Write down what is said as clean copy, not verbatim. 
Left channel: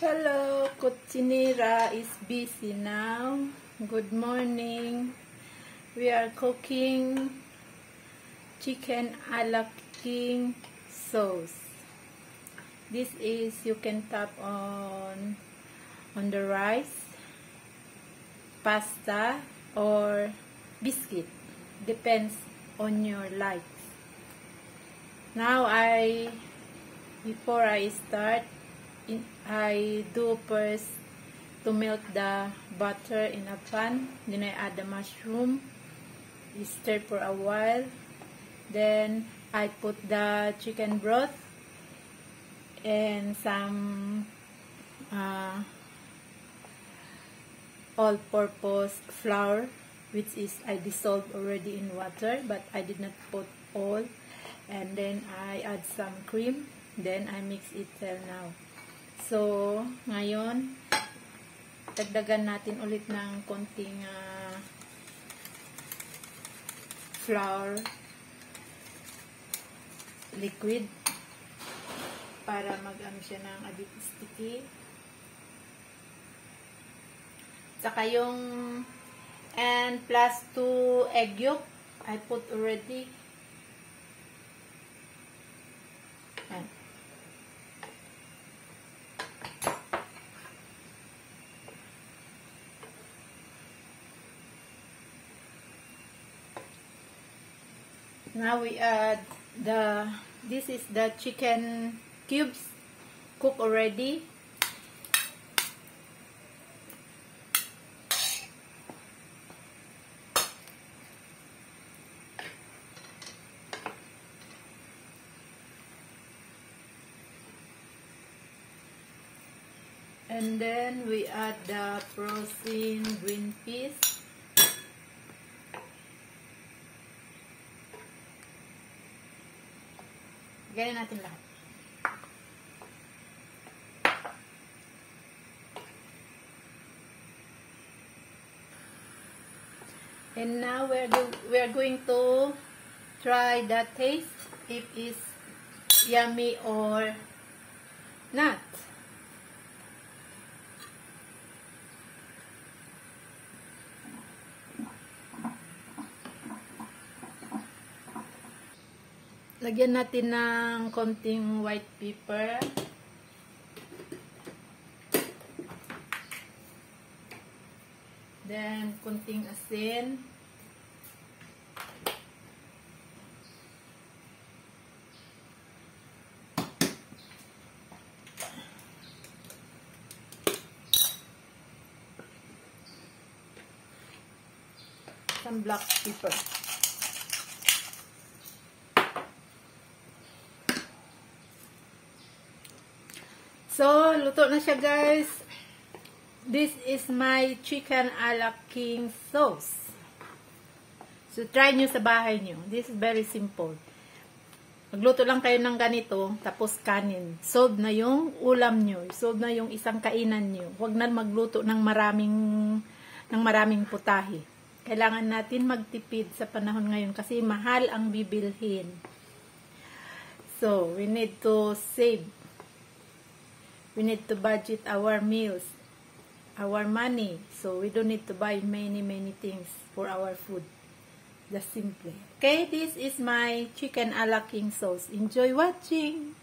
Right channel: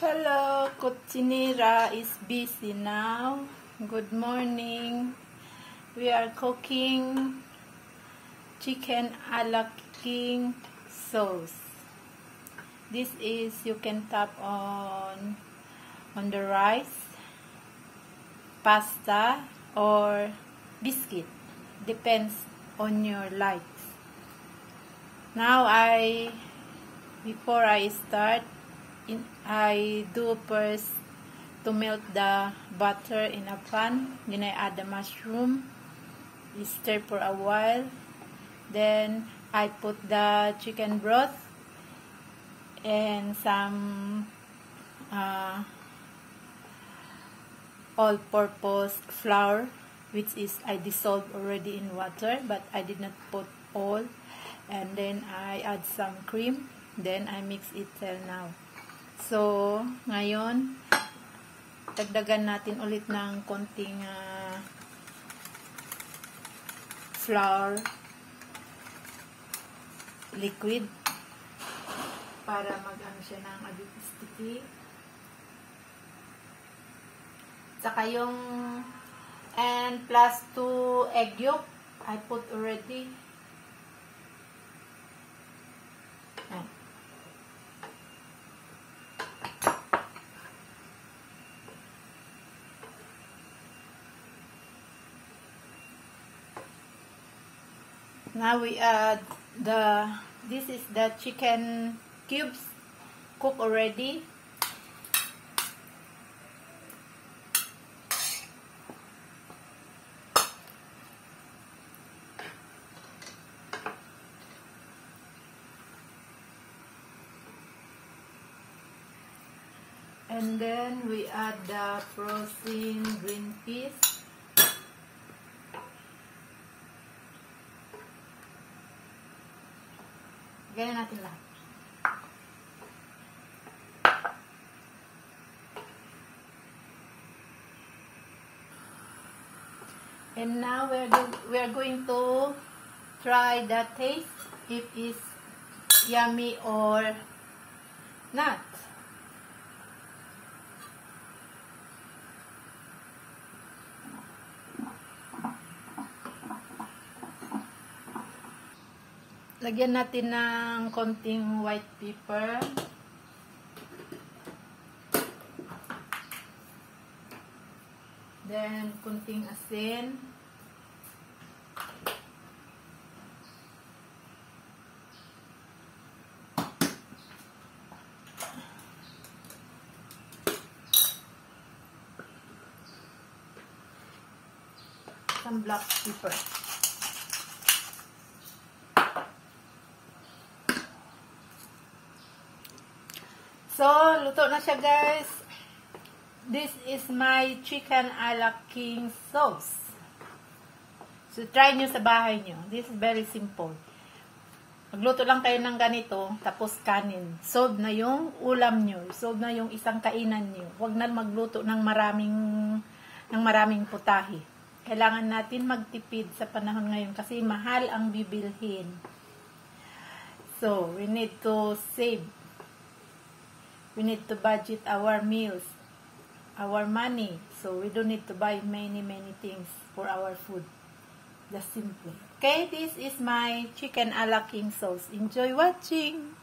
Hello, kitchenira is busy now. Good morning. We are cooking chicken a la king sauce. This is you can tap on the rice, pasta, or biscuit. Depends on your likes. Now before I start, I do first to melt the butter in a pan. Then I add the mushroom. We stir for a while. Then I put the chicken broth and some all-purpose flour, which is I dissolved already in water, but I did not put all. And then I add some cream. Then I mix it now. So, ngayon, dagdagan natin ulit ng konting flour liquid para mag-ano siya ng a bit sticky. Saka yung and plus 2 egg yolk I put already. And now we add this is the chicken cubes cooked already. And then we add the frozen green peas. Ganyan natin lahat. And now we are going to try the taste if it's yummy or not. Lagyan natin ng konting white pepper. Then, konting asin. Some black pepper. So, luto na siya, guys. This is my chicken a la king sauce. So, try nyo sa bahay nyo. This is very simple. Magluto lang tayo ng ganito, tapos kanin. Solve na yung ulam nyo. Solve na yung isang kainan nyo. Huwag na magluto ng maraming putahe. Kailangan natin magtipid sa panahon ngayon kasi mahal ang bibilhin. So, we need to save. We need to budget our meals, our money. So, we don't need to buy many things for our food. Just simply. Okay, this is my chicken a la king sauce. Enjoy watching!